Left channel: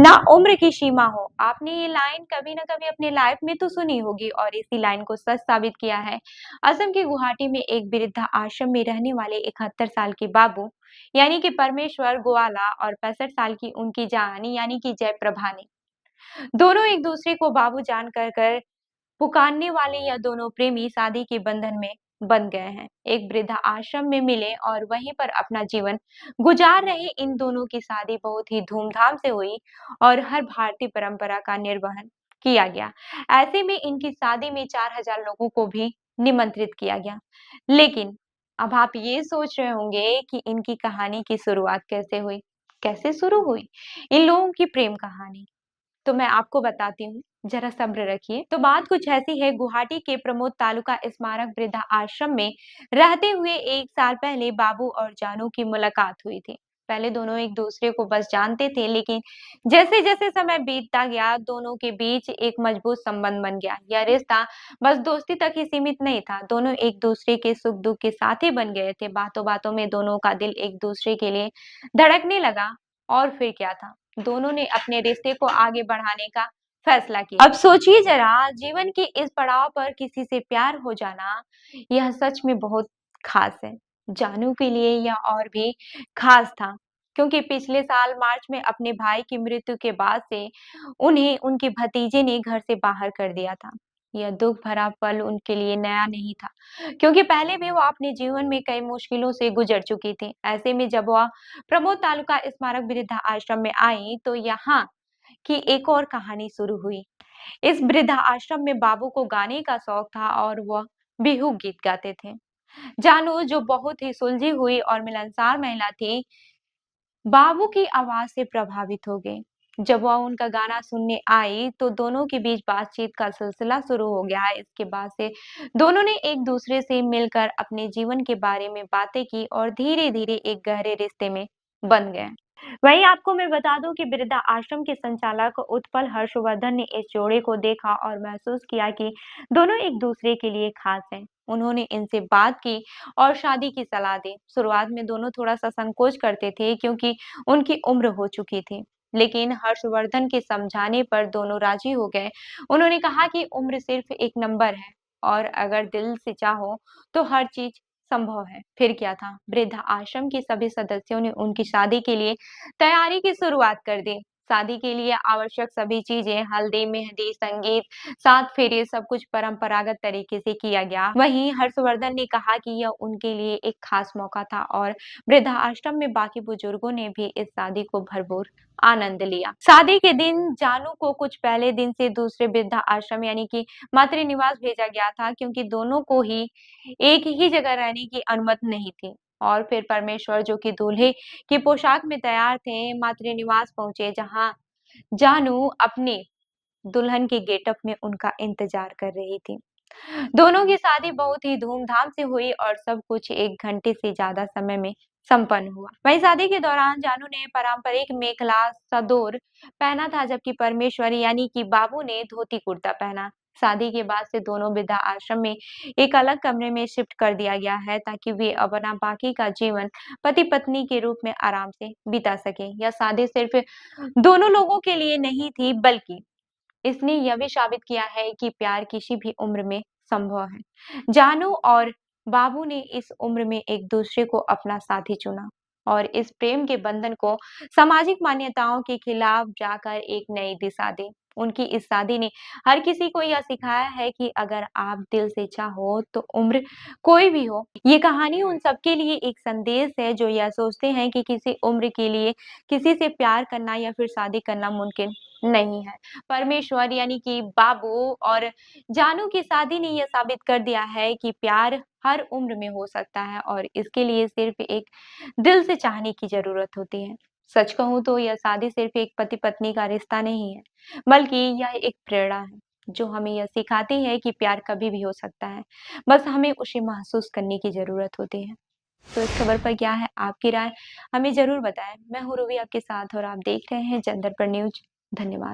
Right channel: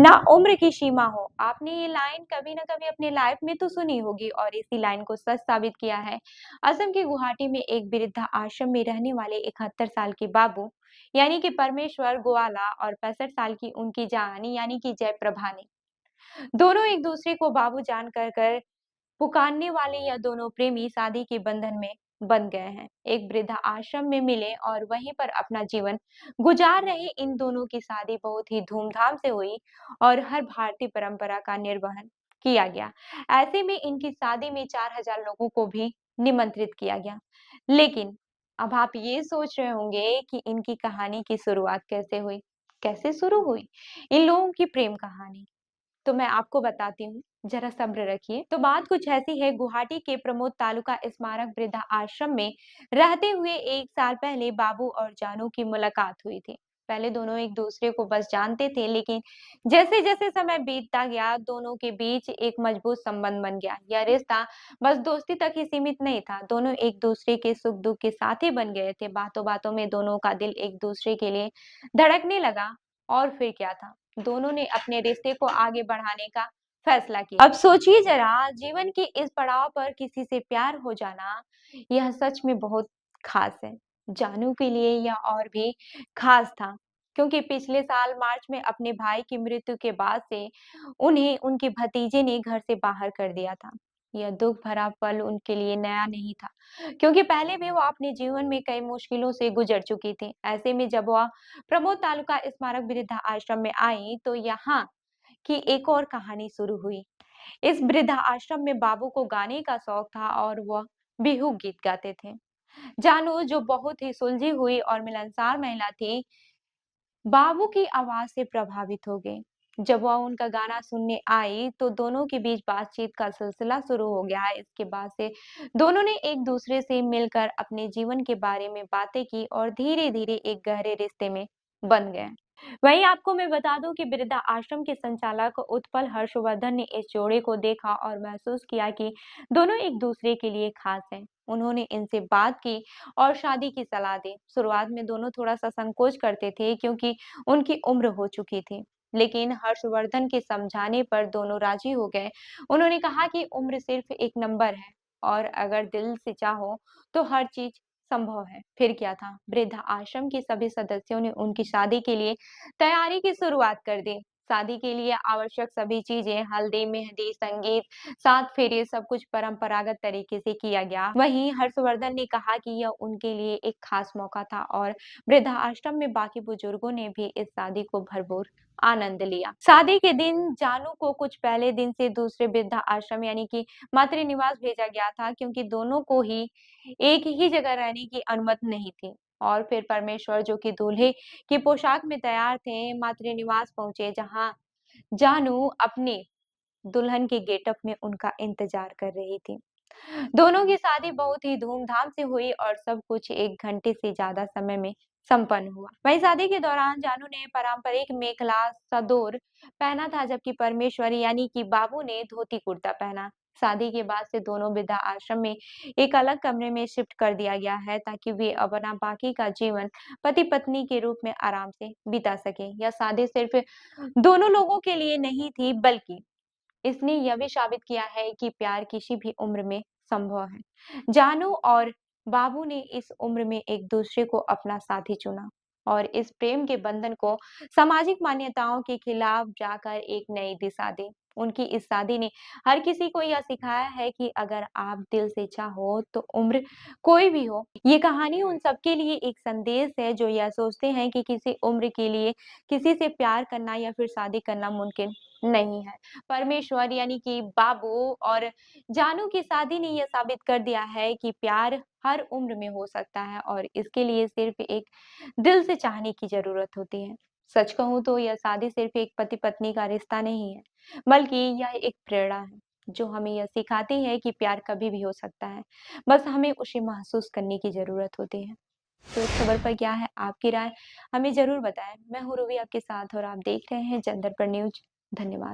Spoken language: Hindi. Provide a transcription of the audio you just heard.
ना उम्र की सीमा हो। आपने ये लाइन कभी ना कभी अपने लाइफ में तो सुनी होगी और इसी लाइन को सच साबित किया है। असम के गुवाहाटी में एक वृद्धा आश्रम में रहने वाले 71 साल के बाबू यानी कि परमेश्वर गोवाला और 65 साल की उनकी जानी यानी कि जयप्रभा ने दोनों एक दूसरे को बाबू जान कर पुकारने वाले यह दोनों प्रेमी शादी के बंधन में बंध गए हैं। एक वृद्धा आश्रम में मिले और वहीं पर अपना जीवन गुजार रहे इन दोनों की शादी बहुत ही धूमधाम से हुई और हर भारतीय परंपरा का निर्वहन किया गया। ऐसे में इनकी शादी में 4000 लोगों को भी निमंत्रित किया गया। लेकिन अब आप ये सोच रहे होंगे कि इनकी कहानी की शुरुआत कैसे हुई? कैसे शुरू हुई इन लोगों की प्रेम कहानी? तो मैं आपको बताती हूँ, जरा सब्र रखिए। तो बात कुछ ऐसी है, गुवाहाटी के प्रमोद तालुका स्मारक वृद्धा आश्रम में रहते हुए 1 साल पहले बाबू और जानू की मुलाकात हुई थी। पहले दोनों एक दूसरे को बस जानते थे, लेकिन जैसे-जैसे समय बीतता गया, दोनों के बीच एक मजबूत संबंध बन गया। यह रिश्ता बस दोस्ती तक ही सीमित नहीं था, दोनों एक दूसरे के सुख-दुख के साथी बन गए थे। बातों-बातों में दोनों का दिल एक दूसरे के लिए धड़कने लगा और फिर क्या था? दोनों ने अपने रिश्ते को आगे बढ़ाने का फैसला किया। अब सोचिए जरा, जीवन के इस पड़ाव पर किसी से प्यार हो जाना, यह सच में बहुत खास है। जानू के लिए यह और भी खास था, क्योंकि पिछले साल मार्च में अपने भाई की मृत्यु के बाद से उन्हें उनके भतीजे ने घर से बाहर कर दिया था। यह दुख भरा पल उनके लिए नया नहीं था, क्योंकि पहले भी वो अपने जीवन में कई मुश्किलों से गुजर चुकी थी। ऐसे में जब वह प्रमोद तालुका स्मारक वृद्धा आश्रम में आई, तो यहाँ की एक और कहानी शुरू हुई। इस वृद्धा आश्रम में बाबू को गाने का शौक था और वह बिहू गीत गाते थे। जानू, जो बहुत ही सुलझी हुई और मिलनसार महिला थी, बाबू की आवाज से प्रभावित हो गई। जब वह उनका गाना सुनने आई, तो दोनों के बीच बातचीत का सिलसिला शुरू हो गया। इसके बाद से दोनों ने एक दूसरे से मिलकर अपने जीवन के बारे में बातें की और धीरे-धीरे एक गहरे रिश्ते में बंध गए। वहीं आपको मैं बता दूं कि वृद्धा आश्रम के संचालक उत्पल हर्षवर्धन ने इस जोड़े को देखा और महसूस किया कि दोनों एक दूसरे के लिए खास हैं। उन्होंने इनसे बात की और शादी की सलाह दी। शुरुआत में दोनों थोड़ा-सा संकोच करते थे, क्योंकि उनकी उम्र हो चुकी थी। लेकिन हर्षवर्धन के समझाने पर दोनों राजी हो गए। उन्होंने कहा कि उम्र सिर्फ एक नंबर है और अगर दिल से चाहो तो हर चीज संभव है। फिर क्या था? वृद्धा आश्रम के सभी सदस्यों ने उनकी शादी के लिए तैयारी की शुरुआत कर दी। शादी के लिए आवश्यक सभी चीजें, हल्दी, मेहंदी, संगीत, 7 फेरे, सब कुछ परंपरागत तरीके से किया गया। वहीं हर्षवर्धन ने कहा कि यह उनके लिए एक खास मौका था और वृद्धा आश्रम में बाकी बुजुर्गों ने भी इस शादी को भरपूर आनंद लिया। शादी के दिन जानू को कुछ पहले दिन से दूसरे वृद्धा आश्रम यानी कि मातृ निवास भेजा गया था, क्योंकि दोनों को ही एक ही जगह रहने की अनुमति नहीं थी। और फिर परमेश्वर, जो कि दूल्हे की पोशाक में तैयार थे, मातृ निवास पहुंचे, जहां जानू अपने दुल्हन के गेटअप में उनका इंतजार कर रही थी। दोनों की शादी बहुत ही धूमधाम से हुई और सब कुछ 1 घंटे से ज्यादा समय में संपन्न हुआ। वहीं शादी के दौरान जानू ने पारंपरिक मेखला सदोर पहना था, जबकि परमेश्वरी यानी कि बाबू ने धोती कुर्ता पहना। शादी के बाद से दोनों वृद्धा आश्रम में एक अलग कमरे में शिफ्ट कर दिया गया है, ताकि वे अपना बाकी का जीवन पति पत्नी के रूप में आराम से बिता सके। यह शादी सिर्फ दोनों लोगों के लिए नहीं थी, बल्कि इसने यह भी साबित किया है कि प्यार किसी भी उम्र में संभव है। जानू और बाबू ने इस उम्र में एक दूसरे को अपना साथी चुना और इस प्रेम के बंधन को सामाजिक मान्यताओं के खिलाफ जाकर एक नई दिशा दी। उनकी इस शादी ने हर किसी को यह सिखाया है कि अगर आप दिल से चाहो तो उम्र कोई भी हो। ये कहानी उन सबके लिए एक संदेश है जो यह सोचते हैं कि किसी उम्र के लिए किसी से प्यार करना या फिर शादी करना मुमकिन नहीं है। परमेश्वर यानी कि बाबू और जानू की शादी ने यह साबित कर दिया है कि प्यार हर उम्र में हो सकता है और इसके लिए सिर्फ एक दिल से चाहने की जरूरत होती है। सच कहूं तो यह शादी सिर्फ एक पति पत्नी का रिश्ता नहीं है, बल्कि यह एक प्रेरणा है जो हमें यह सिखाती है कि प्यार कभी भी हो सकता है। बस हमें उसे महसूस करने की जरूरत होती है। तो इस खबर पर क्या है आपकी राय? हमें जरूर बताएं। मैं हूँ रूबी आपके साथ और आप देख रहे हैं जनदर्पण न्यूज। धन्यवाद।